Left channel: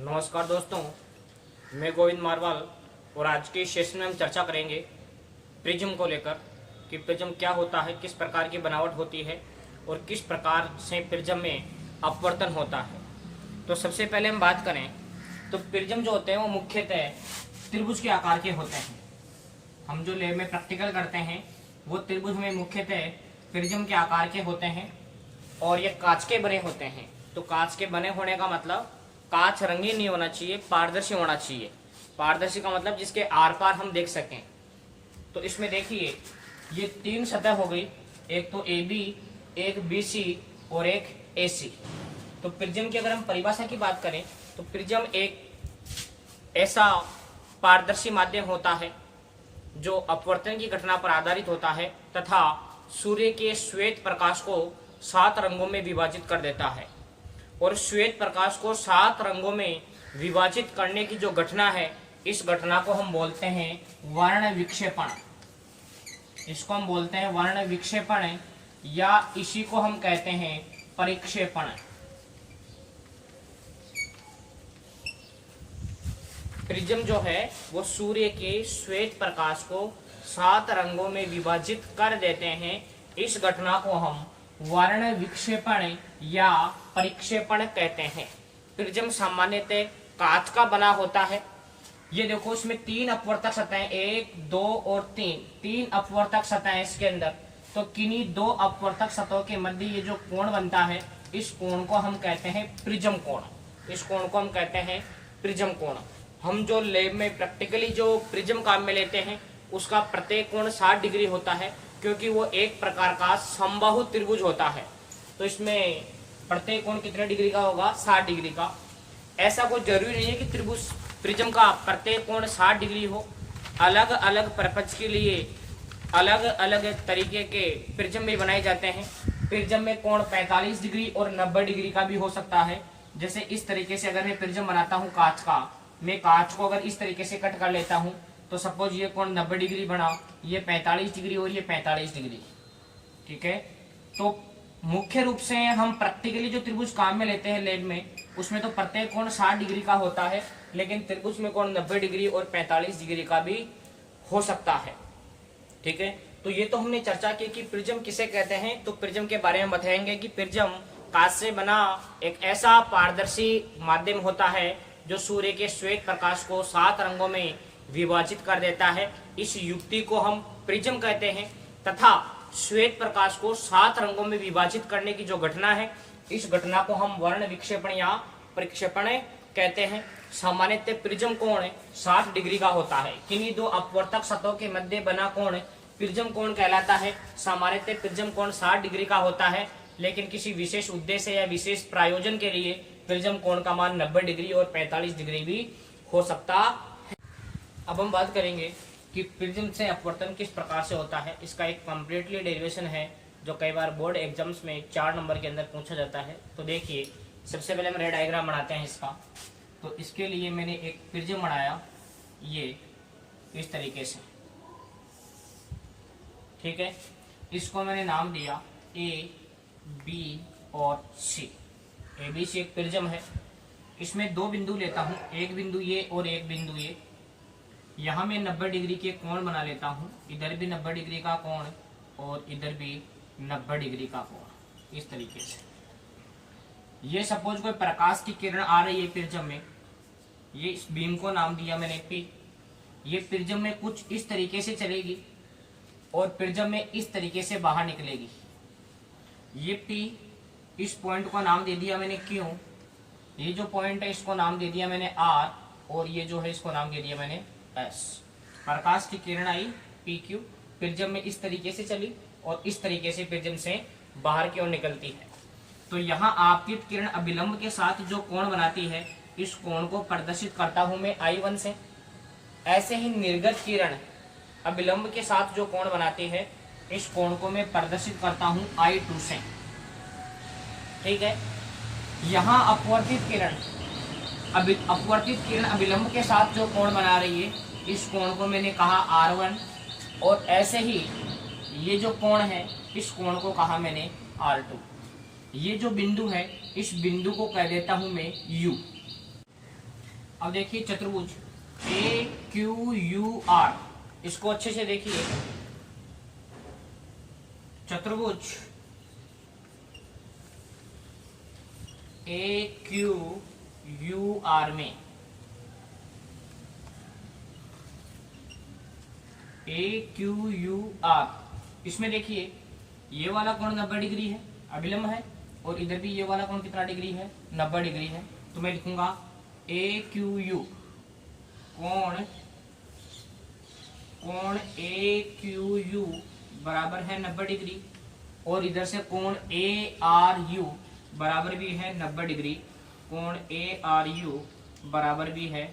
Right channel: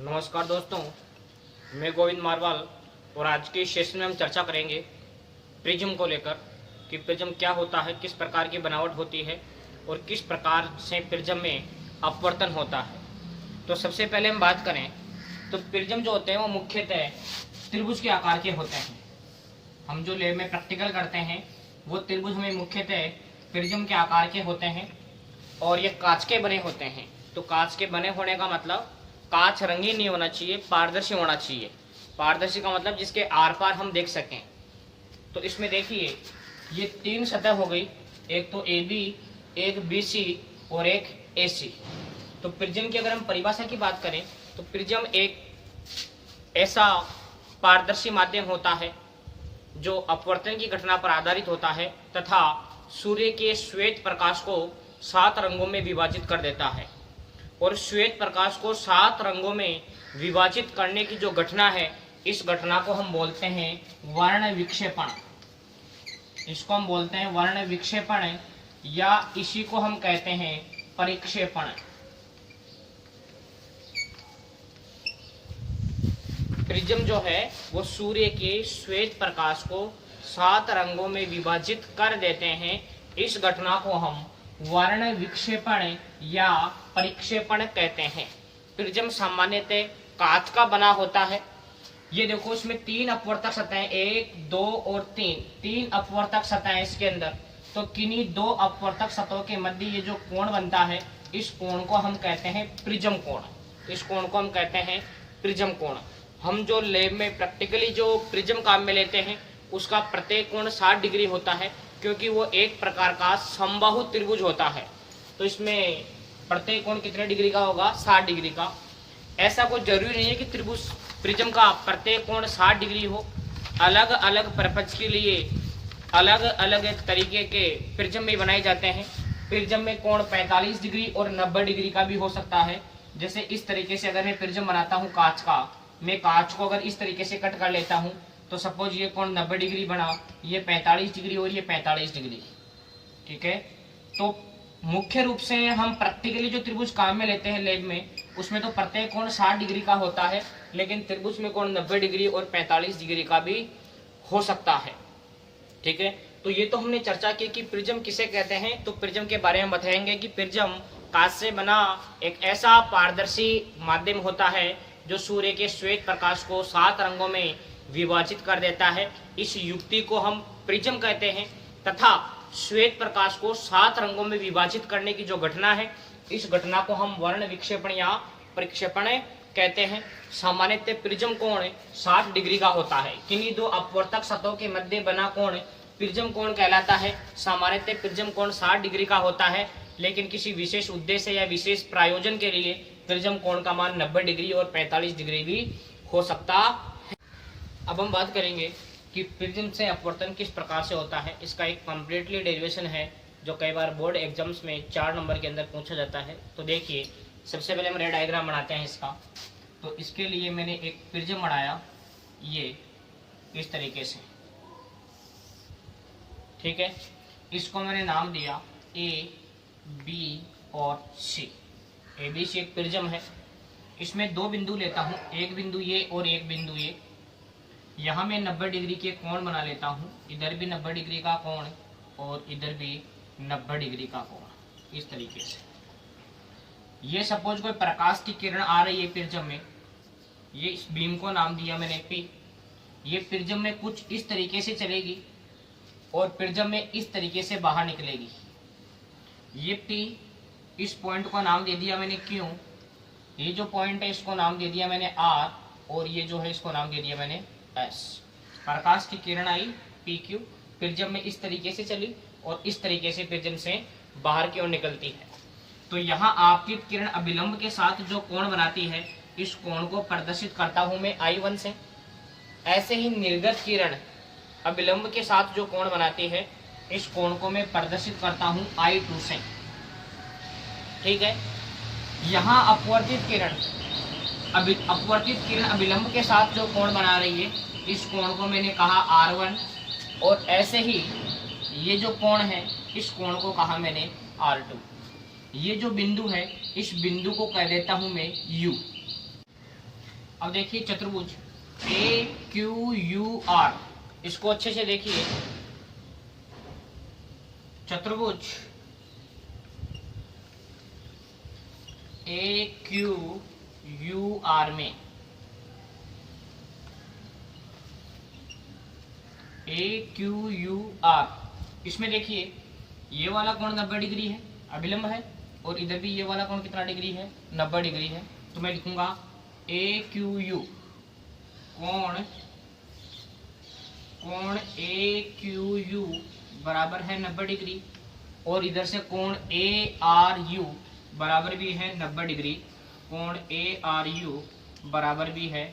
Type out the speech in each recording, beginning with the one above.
नमस्कार दोस्तों, मैं गोविंद मारवाल और आज के इस सेशन में हम चर्चा करेंगे प्रिज्म को लेकर कि प्रिज्म क्या होता है, किस प्रकार की बनावट होती है और किस प्रकार से प्रिज्म में अपवर्तन होता है। तो सबसे पहले हम बात करें तो प्रिज्म जो होते हैं वो मुख्यतः त्रिभुज के आकार के होते हैं। हम जो लैब में प्रैक्टिकल करते हैं वो त्रिभुज हमें मुख्यतः प्रिज्म के आकार के होते हैं और ये कांच के बने होते हैं। तो कांच के बने होने का मतलब कांच रंगीन नहीं होना चाहिए, पारदर्शी होना चाहिए। पारदर्शी का मतलब जिसके आर पार हम देख सकें। तो इसमें देखिए ये तीन सतह हो गई, एक तो ए बी, एक बी सी और एक ए सी। तो प्रिज्म की अगर हम परिभाषा की बात करें तो प्रिज्म एक ऐसा पारदर्शी माध्यम होता है जो अपवर्तन की घटना पर आधारित होता है तथा सूर्य के श्वेत प्रकाश को 7 रंगों में विभाजित कर देता है। और श्वेत प्रकाश को 7 रंगों में विभाजित करने की जो घटना है, इस घटना को हम बोलते हैं वर्ण विक्षेपण। इसको हम बोलते हैं वर्ण विक्षेपण या इसी को हम कहते हैं परिक्षेपण। प्रिज्म जो है वो सूर्य के श्वेत प्रकाश को 7 रंगों में विभाजित कर देते हैं। इस घटना को हम वर्ण विक्षेपण या परिक्षेपण कहते हैं। प्रिज्म सामान्यतः कांच का बना होता है। ये देखो इसमें 3 अपवर्तक सतहें, 1, 2 और 3 अपवर्तक सतहें इसके अंदर। तो किन्हीं 2 अपवर्तक सतहों के मध्य ये जो कोण बनता है, इस कोण को हम कहते हैं प्रिज्म कोण। इस कोण को हम कहते हैं प्रिज्म कोण। हम जो लैब में प्रैक्टिकली जो प्रिज्म काम में लेते हैं उसका प्रत्येक कोण 60 डिग्री होता है, क्योंकि वो एक प्रकार का समबाहु त्रिभुज होता है। तो इसमें प्रत्येक कोण कितने डिग्री का होगा? 60 डिग्री का। ऐसा कोई जरूरी नहीं है कि त्रिभुज प्रिज्म का प्रत्येक कोण 60 डिग्री हो। अलग अलग पर्पज के लिए अलग अलग तरीके के प्रिज्म भी बनाए जाते हैं। प्रिज्म में कोण 45 डिग्री और 90 डिग्री का भी हो सकता है। जैसे इस तरीके से अगर मैं प्रिज्म बनाता हूँ कांच का, मैं कांच को अगर इस तरीके से कट कर लेता हूँ तो सपोज ये कोण 90 डिग्री बना, ये 45 डिग्री और ये 45 डिग्री। ठीक है। तो मुख्य रूप से हम प्रैक्टिकली जो त्रिभुज काम में लेते हैं लैब में, उसमें तो प्रत्येक कोण 60 डिग्री का होता है, लेकिन त्रिभुज में कोण 90 डिग्री और 45 डिग्री का भी हो सकता है। ठीक है। तो ये तो हमने चर्चा की कि प्रिज्म किसे कहते हैं। तो प्रिज्म के बारे में बताएंगे कि प्रिज्म कांच से बना एक ऐसा पारदर्शी माध्यम होता है जो सूर्य के श्वेत प्रकाश को 7 रंगों में विभाजित कर देता है। इस युक्ति को हम प्रिज्म कहते हैं तथा श्वेत प्रकाश को 7 रंगों में विभाजित करने की जो घटना है, इस घटना को हम वर्ण विक्षेपण या परिक्षेपण कहते हैं। सामान्यतः प्रिज्म कोण 60 डिग्री का होता है। किन्हीं 2 अपवर्तक सतहों के मध्य बना कोण प्रिज्म कोण कहलाता है। सामान्यतः प्रिज्म कोण 60 डिग्री का होता है, लेकिन किसी विशेष उद्देश्य या विशेष प्रयोजन के लिए प्रिज्म कोण का मान 90 डिग्री और 45 डिग्री भी हो सकता है। अब हम बात करेंगे कि प्रिज्म से अपवर्तन किस प्रकार से होता है। इसका एक कंप्लीटली डेरिवेशन है जो कई बार बोर्ड एग्जाम्स में 4 नंबर के अंदर पूछा जाता है। तो देखिए, सबसे पहले हम रे डायग्राम बनाते हैं इसका। तो इसके लिए मैंने एक प्रिज्म बनाया, ये इस तरीके से। ठीक है। इसको मैंने नाम दिया ए, बी और सी। ए बी सी एक प्रिज्म है। इसमें 2 बिंदु लेता हूँ, एक बिंदु ये और एक बिंदु ये। यहाँ मैं 90 डिग्री के कोण बना लेता हूँ, इधर भी 90 डिग्री का कोण और इधर भी 90 डिग्री का कोण, इस तरीके से। ये सपोज कोई प्रकाश की किरण आ रही है प्रिज्म में, ये इस बीम को नाम दिया मैंने पी। ये प्रिज्म में कुछ इस तरीके से चलेगी और प्रिज्म में इस तरीके से बाहर निकलेगी। ये पी, इस पॉइंट को नाम दे दिया मैंने क्यू। ये जो पॉइंट है इसको नाम दे दिया मैंने आर, और ये जो है इसको नाम दे दिया मैंने एस। प्रकाश की किरण आई पी क्यू, प्रिज्म में इस तरीके से चली और इस तरीके से प्रिज्म से बाहर की ओर निकलती है। तो यहाँ आपतित किरण अभिलंब के साथ जो कोण बनाती है, इस कोण को प्रदर्शित करता हूं मैं I1 से। ऐसे ही निर्गत किरण अभिलंब के साथ जो कोण बनाती है, इस कोण को मैं प्रदर्शित करता हूं I2 से। ठीक है। यहाँ अपवर्तित किरण अभिलंब के साथ जो कोण बना रही है, इस कोण को मैंने कहा R1, और ऐसे ही ये जो कोण है, इस कोण को कहा मैंने R2। ये जो बिंदु है, इस बिंदु को कह देता हूं मैं U। अब देखिए चतुर्भुज ए क्यू यू आर, इसको अच्छे से देखिए। चतुर्भुज ए क्यू यू आर में ए क्यू यू आर, इसमें देखिए ये वाला कोण 90 डिग्री है, अभिलंब है, और इधर भी ये वाला कोण कितना डिग्री है, 90 डिग्री है। तो मैं लिखूंगा ए क्यू यू कोण ए क्यू यू बराबर है 90 डिग्री, और इधर से कोण ए आर यू बराबर भी है 90 डिग्री, कोण ए आर यू बराबर भी है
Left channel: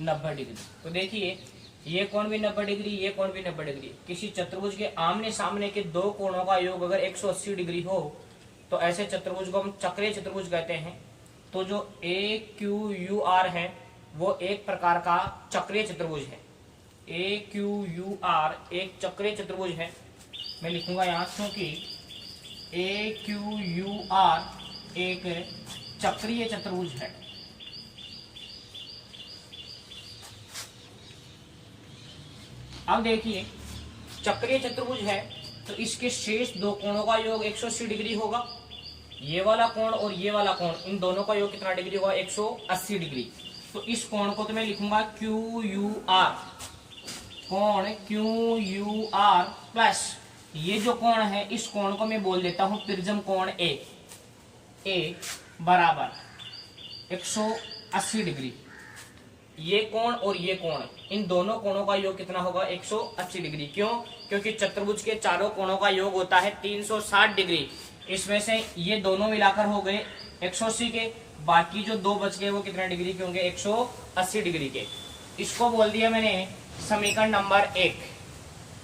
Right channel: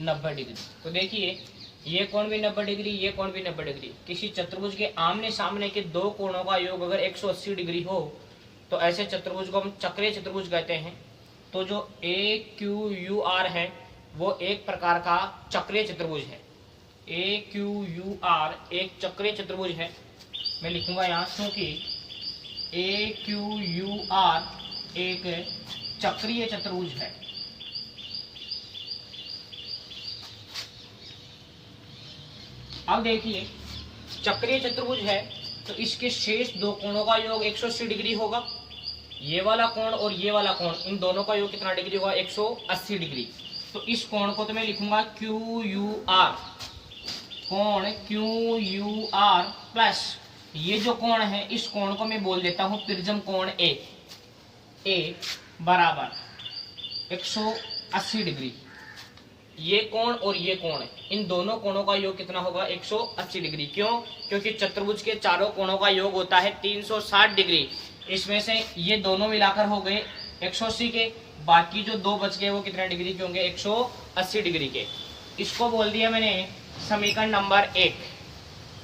90 डिग्री। तो देखिए ये कोण भी 90 डिग्री, ये कोण भी 90 डिग्री। किसी चतुर्भुज के आमने सामने के दो कोणों का योग अगर 180 डिग्री हो तो ऐसे चतुर्भुज को हम चक्रीय चतुर्भुज कहते हैं। तो जो ए क्यू यू आर है वो एक प्रकार का चक्रीय चतुर्भुज है। ए क्यू यू आर एक चक्रीय चतुर्भुज है। मैं लिखूंगा यहाँ क्योंकि ए क्यू यू आर एक चक्रीय चतुर्भुज है। अब देखिए चक्रीय चतुर्भुज है तो इसके शेष दो कोणों का योग 180 डिग्री होगा। ये वाला कोण और ये वाला कोण, इन दोनों का योग कितना डिग्री होगा, 180 डिग्री। तो इस कोण को तो मैं लिखूंगा क्यू यू आर, कोण क्यू यू आर प्लस ये जो कोण है इस कोण को मैं बोल देता हूं प्रिज्म कोण ए बराबर 180 डिग्री। ये कोण और ये कोण, इन दोनों कोणों का योग कितना होगा, 180 डिग्री। क्यों? क्योंकि चतुर्भुज के चारों कोणों का योग होता है 360 डिग्री। इसमें से ये दोनों मिलाकर हो गए 180 के, बाकी जो दो बच गए वो कितने डिग्री के होंगे, 180 डिग्री के। इसको बोल दिया मैंने समीकरण नंबर 1।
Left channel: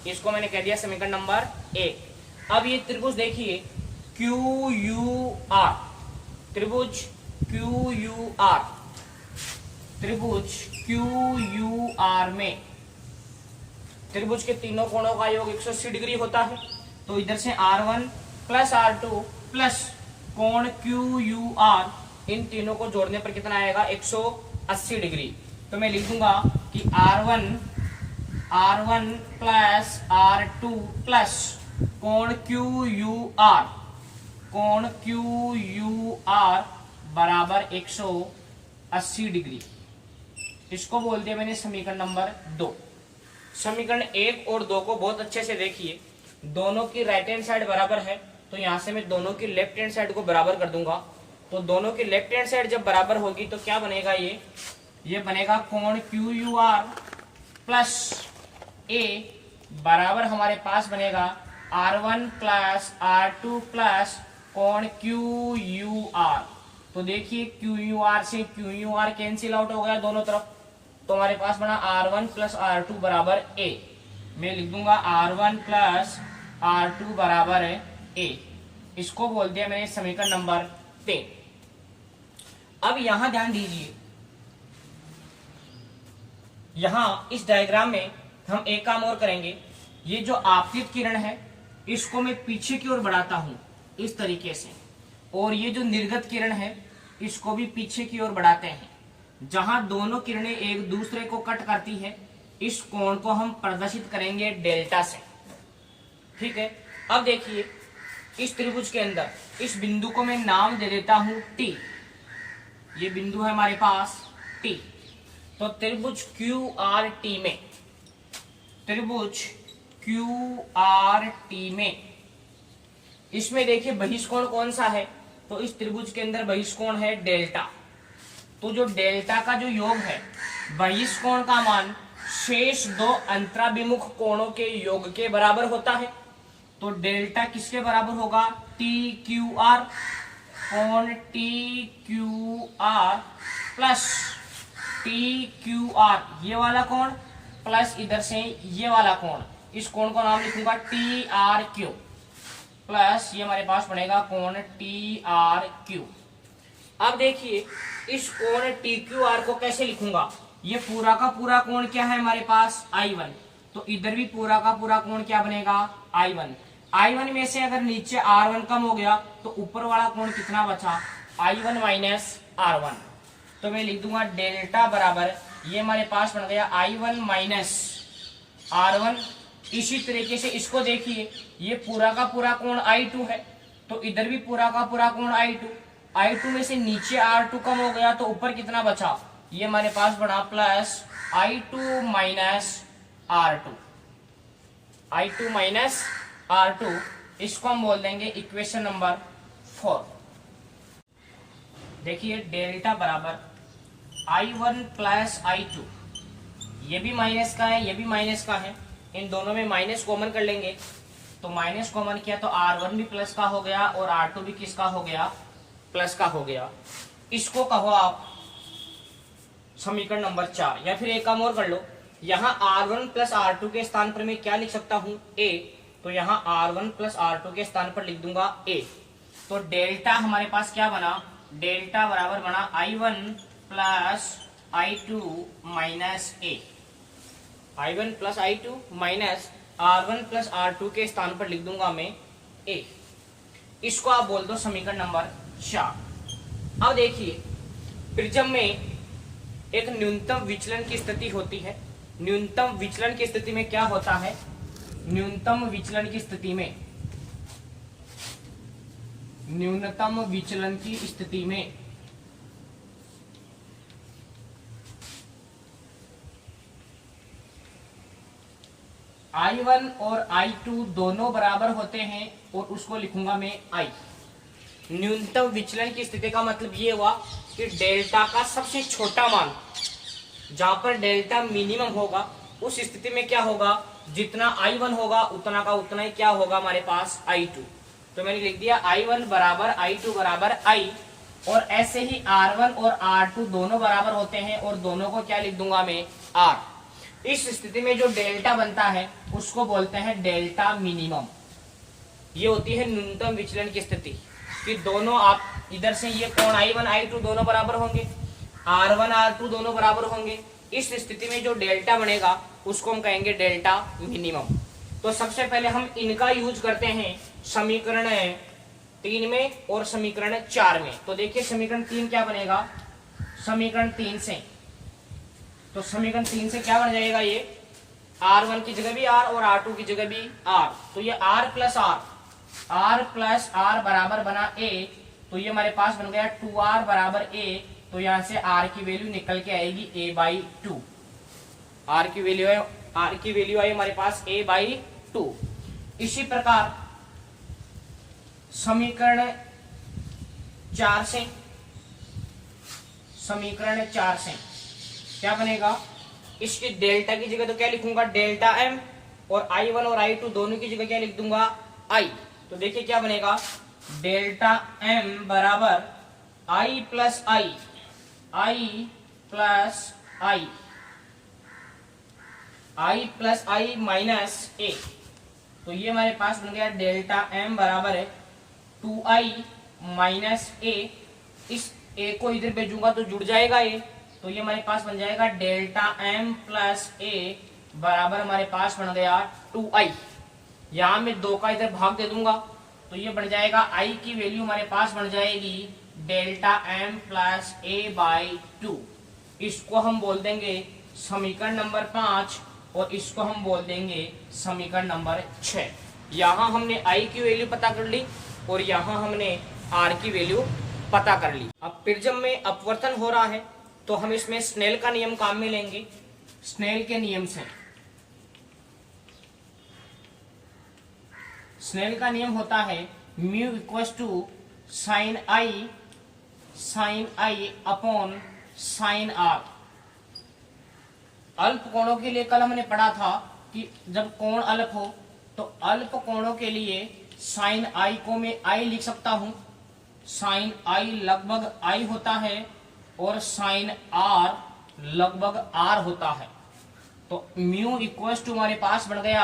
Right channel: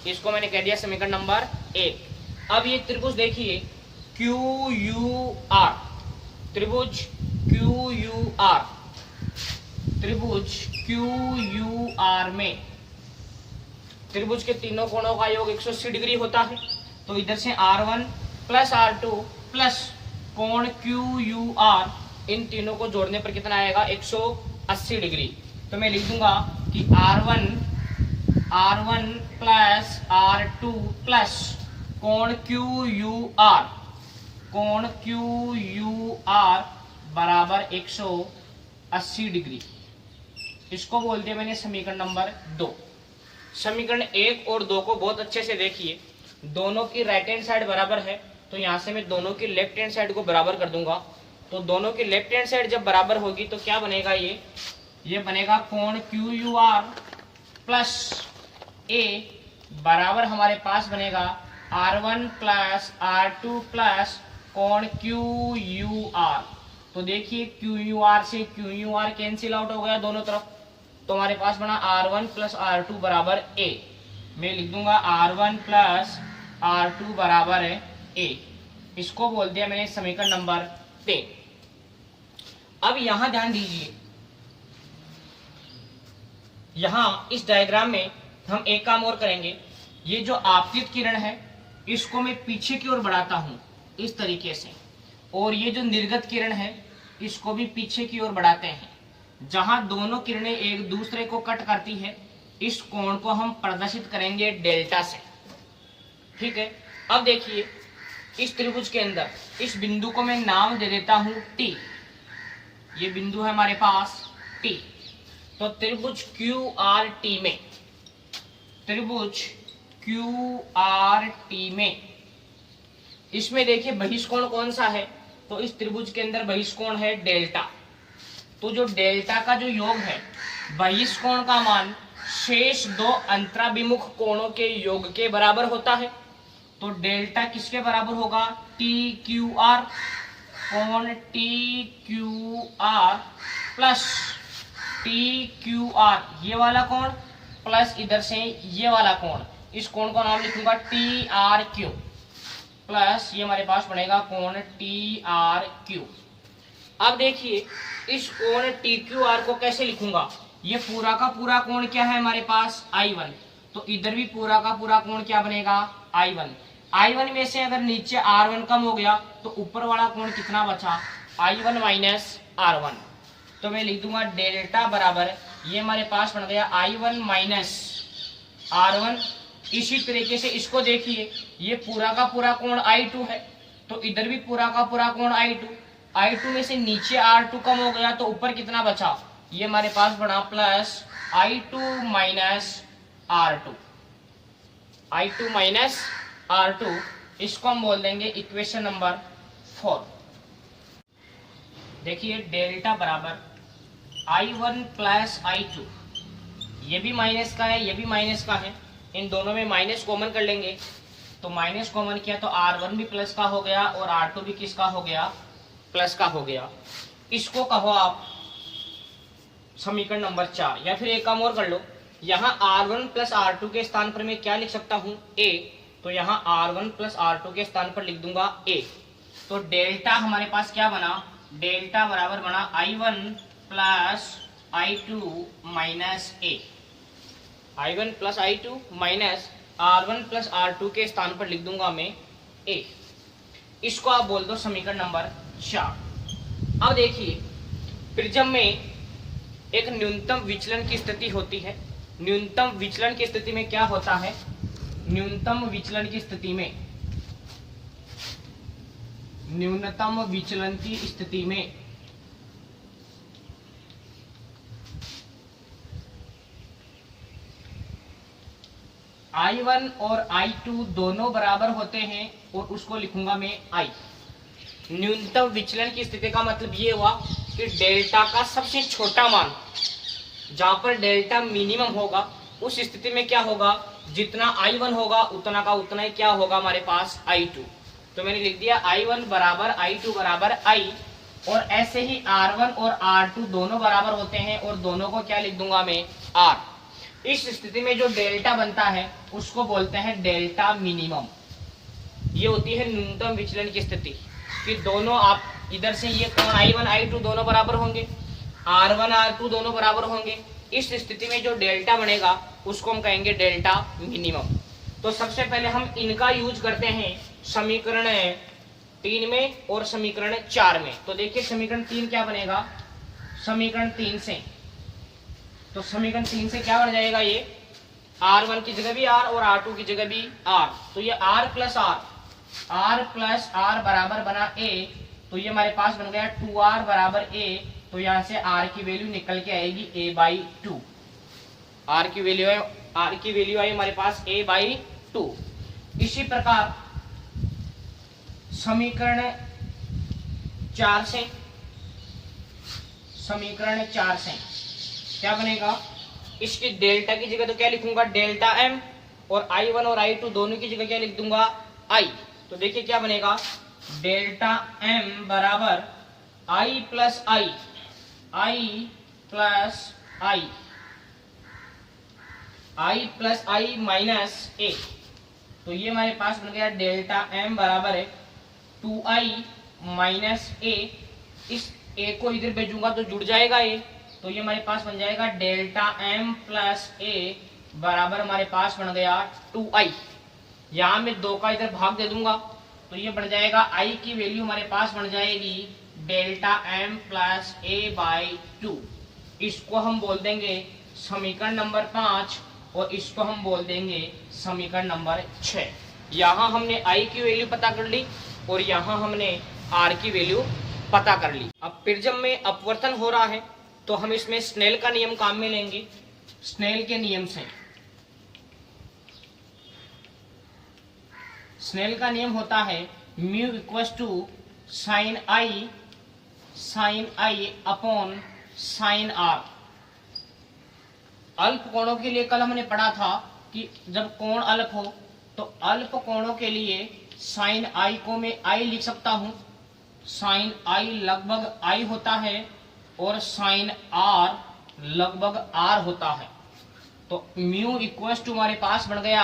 इसको मैंने कह दिया समीकरण नंबर 1। अब ये त्रिभुज देखिए क्यू यू आर, त्रिभुज क्यू यू आर, त्रिभुज क्यू यू आर में त्रिभुज के तीनों कोणों का योग 180 डिग्री होता है। तो इधर से R1 प्लस R2 प्लस कोण क्यू यू आर, इन तीनों को जोड़ने पर कितना आएगा, 180 डिग्री। तो मैं लिख दूंगा कि R1 प्लस R2 प्लस कोण क्यू यू आर, कोण क्यू यू आर बराबर 180 डिग्री। इसको बोल दिया मैंने समीकरण नंबर 2। समीकरण 1 और 2 को बहुत अच्छे से देखिए। दोनों की राइट हैंड साइड बराबर है तो यहां से मैं दोनों की लेफ्ट हैंड साइड को बराबर कर दूंगा। तो दोनों की लेफ्ट हैंड साइड जब बराबर होगी तो क्या बनेगा, ये बनेगा कोण Q U R plus A बराबर हमारे पास बनेगा R1 प्लस R2 प्लस कोण क्यू यू आर। तो देखिए क्यू यू आर से Q U R cancel out हो गया दोनों तरफ, तो हमारे पास बना R1 प्लस R2 बराबर A। मैं लिख दूंगा R1 प्लस R2 बराबर है A। इसको बोल दिया मैंने समीकरण नंबर 3। अब यहां ध्यान दीजिए, यहां इस डायग्राम में हम एक काम और करेंगे। ये जो आपतित किरण है इसको मैं पीछे की ओर बढ़ाता हूं इस तरीके से, और ये जो निर्गत किरण है इसको भी पीछे की ओर बढ़ाते हैं। जहां दोनों किरणें एक दूसरे को कट करती है इस कोण को हम प्रदर्शित करेंगे डेल्टा से। ठीक है, अब देखिए इस त्रिभुज के अंदर इस बिंदु को मैं नाम दे देता हूं T। ये बिंदु है हमारे पास T। तो त्रिभुज QRT में, त्रिभुज QRT में इसमें देखिए बहिष्कोण कौन सा है, तो इस त्रिभुज के अंदर बहिष्कोण है डेल्टा। तो जो डेल्टा का जो योग है, बहिष्कोण का मान शेष दो अंतराभिमुख कोणों के योग के बराबर होता है। तो डेल्टा किसके बराबर होगा, TQR, कोण TQR प्लस TQR ये वाला कोण प्लस इधर से ये वाला कोण, इस कोण का नाम लिखूंगा TRQ प्लस ये हमारे पास बनेगा कोण TRQ। अब देखिए इस कोण TQR को कैसे लिखूंगा, ये पूरा का पूरा कोण क्या है हमारे पास I1, तो इधर भी पूरा का पूरा कोण क्या बनेगा I1। I1 में से अगर नीचे R1 कम हो गया तो ऊपर वाला कोण कितना बचा, I1 माइनस R1। तो मैं लिख दूंगा डेल्टा बराबर, ये हमारे पास बन गया I1 माइनस R1। इसी तरीके से इसको देखिए, ये पूरा का पूरा कोण I2 है, तो इधर भी पूरा का पूरा कोण I2 में से नीचे R2 कम हो गया, तो ऊपर कितना बचा, ये हमारे पास बना plus I2 minus R2, I2 minus R2। इसको हम बोल देंगे इक्वेशन नंबर 4। देखिए डेल्टा बराबर I1 प्लस I2, ये भी माइनस का है, ये भी माइनस का है, इन दोनों में माइनस कॉमन कर लेंगे, तो माइनस कॉमन किया तो R1 भी प्लस का हो गया और R2 भी किसका हो गया, प्लस का हो गया। इसको कहो आप समीकरण नंबर 4, या फिर एक काम और कर लो, यहाँ R1 प्लस R2 के स्थान पर मैं क्या लिख सकता हूँ, A, तो यहाँ R1 प्लस R2 के स्थान पर लिख दूंगा A। तो डेल्टा हमारे पास क्या बना, डेल्टा बराबर बना I1 plus I2 minus A, I1 plus I2 minus R1 plus R2 के स्थान पर लिख दूंगा मैं A। इसको आप बोल दो समीकरण नंबर 4। अब देखिए प्रिज्म में एक न्यूनतम विचलन की स्थिति होती है। न्यूनतम विचलन की स्थिति में क्या होता है, न्यूनतम विचलन की स्थिति में, न्यूनतम विचलन की स्थिति में I1 और I2 दोनों बराबर होते हैं, और उसको लिखूंगा मैं I। न्यूनतम विचलन की स्थिति का मतलब ये हुआ कि डेल्टा का सबसे छोटा मान, जहां पर डेल्टा मिनिमम होगा, उस स्थिति में क्या होगा, जितना I1 होगा उतना का उतना ही क्या होगा हमारे पास I2। तो मैंने लिख दिया I1 बराबर I2 बराबर I, और ऐसे ही R1 और R2 दोनों बराबर होते हैं, और दोनों को क्या लिख दूंगा मैं R। इस स्थिति में जो डेल्टा बनता है उसको बोलते हैं डेल्टा मिनिमम। ये होती है न्यूनतम विचलन की स्थिति, कि दोनों आप इधर से ये कोण I1 I2 दोनों बराबर होंगे, R1 R2 दोनों बराबर होंगे। इस स्थिति में जो डेल्टा बनेगा उसको हम कहेंगे डेल्टा मिनिमम। तो सबसे पहले हम इनका यूज करते हैं समीकरण 3 में और समीकरण 4 में। तो देखिए समीकरण 3 क्या बनेगा, समीकरण 3 से, तो समीकरण 3 से क्या बन जाएगा, ये R1 की जगह भी R और R2 की जगह भी R, तो ये R प्लस R बराबर बना A। तो ये हमारे पास बन गया 2R बराबर A। तो यहां से R की वैल्यू निकल के आएगी A/2। R की वैल्यू आई हमारे पास A/2। इसी प्रकार समीकरण 4 से, समीकरण 4 से क्या बनेगा, इसकी डेल्टा की जगह तो क्या लिखूंगा डेल्टा M, और I1 और I2 दोनों की जगह क्या लिख दूंगा I। तो देखिए क्या बनेगा, डेल्टा M बराबर I plus I, I plus I, I plus I minus A। तो ये हमारे पास बन गया डेल्टा M बराबर है 2I माइनस A। इस A को इधर भेजूंगा तो जुड़ जाएगा ये, तो ये हमारे पास बन जाएगा डेल्टा M प्लस A बराबर हमारे पास बन गया 2I। यहाँ मैं 2 का इधर भाग दे दूंगा, तो ये बन जाएगा I की वैल्यू हमारे पास बन जाएगी डेल्टा M प्लस A/2। इसको हम बोल देंगे समीकरण नंबर 5, और इसको हम बोल देंगे समीकरण नंबर 6। यहाँ हमने I की वैल्यू पता कर ली, और यहाँ हमने R की वैल्यू पता कर ली। अब प्रिज्म में अपवर्तन हो रहा है, तो हम इसमें स्नेल का नियम काम में लेंगे। स्नेल के नियम से, स्नेल का नियम होता है mu equals to sine i upon sine r. अल्प कोणों के लिए कल हमने पढ़ा था कि जब कोण अल्प हो तो अल्प कोणों के लिए साइन आई को मैं आई लिख सकता हूं। साइन आई लगभग आई होता है और साइन आर लगभग आर होता है। तो म्यू इक्वल्स टू हमारे पास बन गया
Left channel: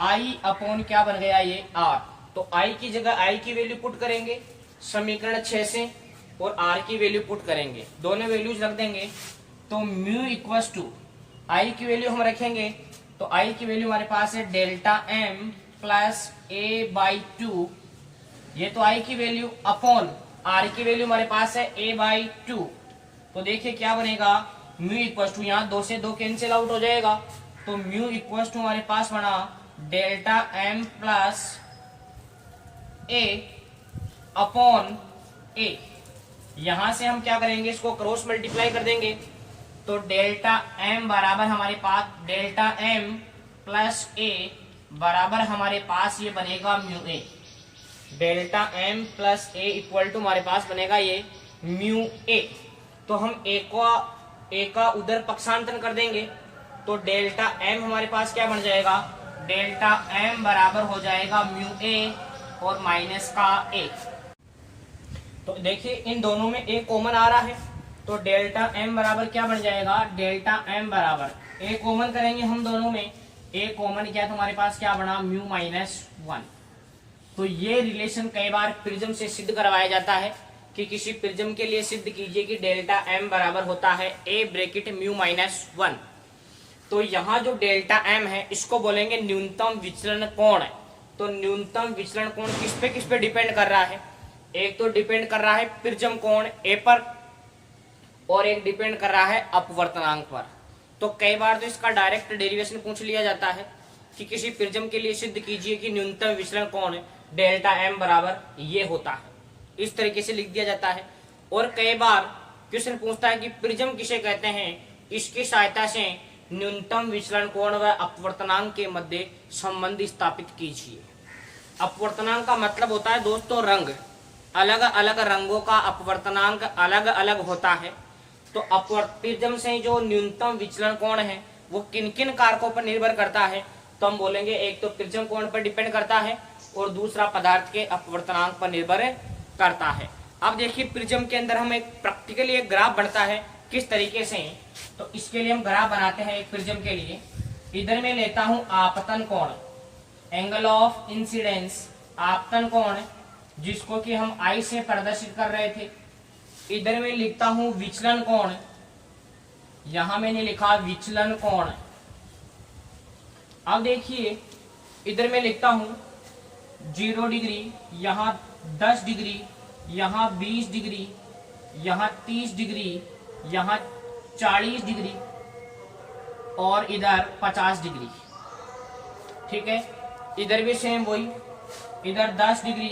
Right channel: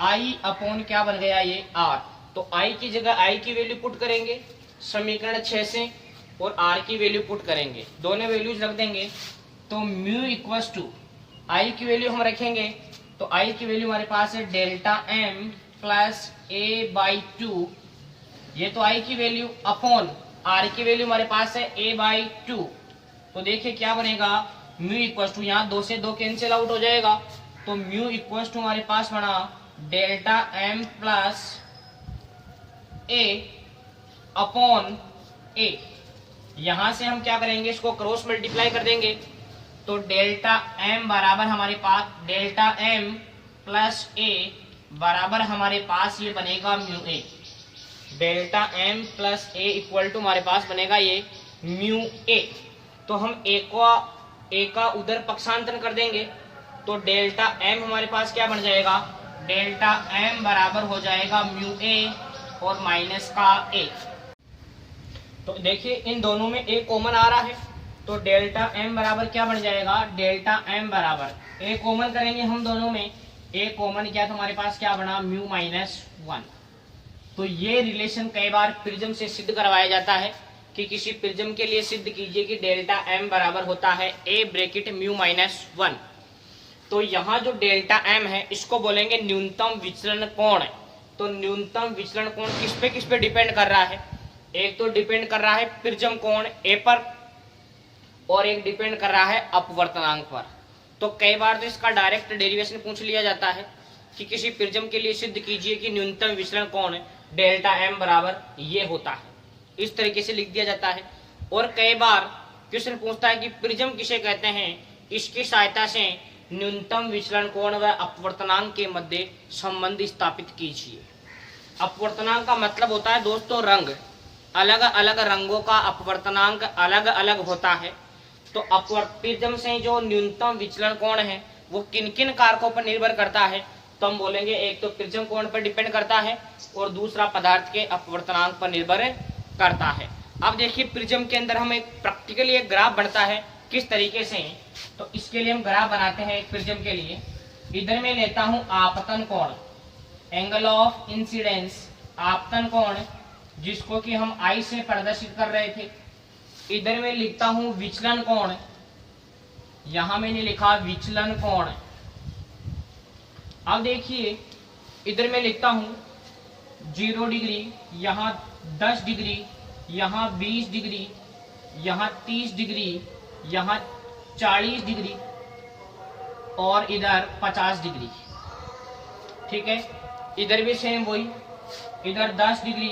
आई अपॉन क्या बन गया ये आर। तो आई की जगह आई की वैल्यू पुट करेंगे समीकरण 6 से, और आर की वैल्यू पुट करेंगे, दोनों वैल्यूज रख देंगे। तो म्यू इक्वल्स टू आई की वैल्यू हम रखेंगे, तो आई की वैल्यू हमारे पास है डेल्टा एम प्लस A/2। ये तो आई की वैल्यू अपॉन आर की वैल्यू हमारे पास है a/2। तो देखिए क्या बनेगा, म्यू इक्वल टू, यहाँ 2 से 2 कैंसिल आउट हो जाएगा, तो म्यू इक्वल टू हमारे पास बना delta m plus a upon a। यहां से हम क्या करेंगे, इसको क्रॉस मल्टीप्लाई कर देंगे, तो डेल्टा m बराबर हमारे पास डेल्टा m प्लस a बराबर हमारे पास ये बनेगा mu a। Delta m plus a equal to हमारे पास बनेगा ये म्यू a। तो हम a का उधर पक्षांतरण कर देंगे, तो डेल्टा m हमारे पास क्या बन जाएगा, डेल्टा m बराबर हो जाएगा म्यू a और माइनस का a। तो देखिए इन दोनों में a कॉमन आ रहा है, तो डेल्टा m बराबर क्या बन जाएगा, डेल्टा m बराबर a कॉमन करेंगे हम दोनों में, a कॉमन किया तो हमारे पास क्या बना, म्यू माइनस 1। तो ये रिलेशन कई बार प्रिज्म से सिद्ध करवाया जाता है कि किसी प्रिज्म के लिए सिद्ध कीजिए कि डेल्टा m बराबर होता है a ब्रैकेट म्यू माइनस 1। तो यहाँ जो डेल्टा m है इसको बोलेंगे न्यूनतम विचलन कोण। तो न्यूनतम विचलन कोण किस पे डिपेंड कर रहा है, एक तो डिपेंड कर रहा है प्रिज्म कोण a पर और एक डिपेंड कर रहा है अपवर्तनांक पर। तो कई बार तो इसका डायरेक्ट डेरिवेशन पूछ लिया जाता है कि किसी प्रिज्म के लिए सिद्ध कीजिए कि न्यूनतम विचलन कोण डेल्टा m बराबर ये होता है, इस तरीके से लिख दिया जाता है। और कई बार क्वेश्चन पूछता है कि प्रिज्म किसे कहते हैं, इसकी सहायता से न्यूनतम विचलन कोण व अपवर्तनांक के मध्य संबंध स्थापित कीजिए। अपवर्तनांक का मतलब होता है दोस्तों रंग, अलग अलग रंगों का अपवर्तनांक अलग अलग होता है। तो प्रिज्म से जो न्यूनतम विचलन कोण है वो किन किन कारकों पर निर्भर करता है, तो हम बोलेंगे एक तो प्रिज्म कोण पर डिपेंड करता है और दूसरा पदार्थ के अपवर्तनांक पर निर्भर करता है। अब देखिए प्रिज्म के अंदर हम एक प्रैक्टिकली एक ग्राफ बनता है किस तरीके से, तो इसके लिए हम ग्राफ बनाते हैं एक प्रिज्म के लिए। इधर मैं लेता हूं आपतन कोण, एंगल ऑफ इंसिडेंस, आपतन कोण जिसको कि हम आई से प्रदर्शित कर रहे थे। इधर मैं लिखता हूं विचलन कोण, यहां मैंने लिखा विचलन कोण। अब देखिए इधर मैं लिखता हूं 0 डिग्री, यहाँ 10 डिग्री, यहाँ 20 डिग्री, यहाँ 30 डिग्री, यहाँ 40 डिग्री और इधर 50 डिग्री। ठीक है, इधर भी सेम वही, इधर 10 डिग्री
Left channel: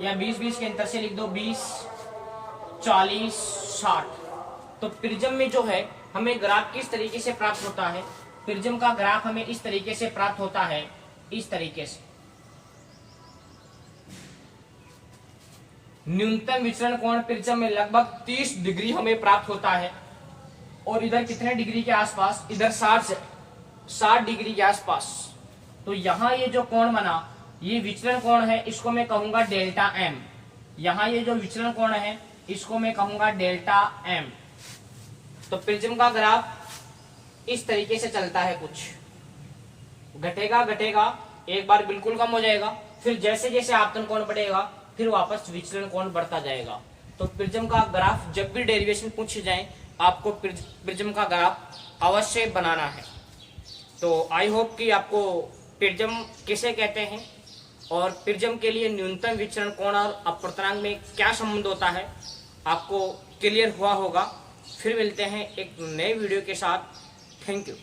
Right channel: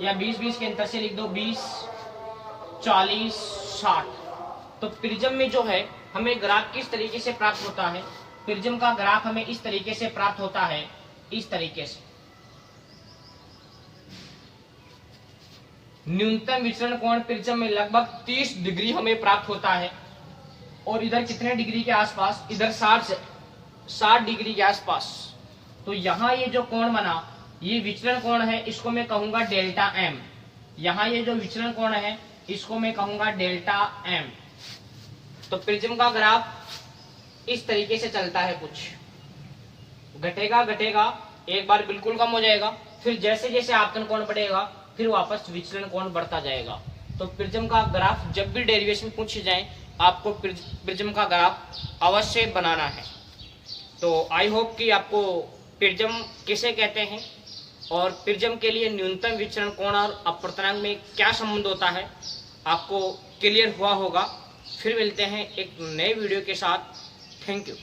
या 20 के अंतर से लिख दो 20, 40, 60। तो प्रिज्म में जो है हमें ग्राफ किस तरीके से प्राप्त होता है, प्रिज्म का ग्राफ हमें इस तरीके से प्राप्त होता है, इस तरीके से। न्यूनतम विचलन कोण प्रिज्म में लगभग 30 डिग्री हमें प्राप्त होता है और इधर कितने डिग्री के आसपास, इधर 60 डिग्री के आसपास। तो यहाँ ये जो कोण बना ये विचलन कोण है, इसको मैं कहूंगा डेल्टा m। यहाँ ये जो विचलन कोण है इसको मैं कहूंगा डेल्टा m। तो प्रिज्म का ग्राफ इस तरीके से चलता है, कुछ घटेगा घटेगा, एक बार बिल्कुल कम हो जाएगा, फिर जैसे जैसे आपतन कोण बढ़ेगा फिर वापस विचलन कोण बढ़ता जाएगा। तो प्रिज्म का ग्राफ जब भी डेरिवेशन पूछे जाए आपको प्रिज्म का ग्राफ अवश्य बनाना है। तो आई होप कि आपको प्रिज्म किसे कहते हैं और प्रिज्म के लिए न्यूनतम विचलन कोण और अपवर्तनांक में क्या संबंध होता है आपको क्लियर हुआ होगा। फिर मिलते हैं एक नए वीडियो के साथ। Thank you.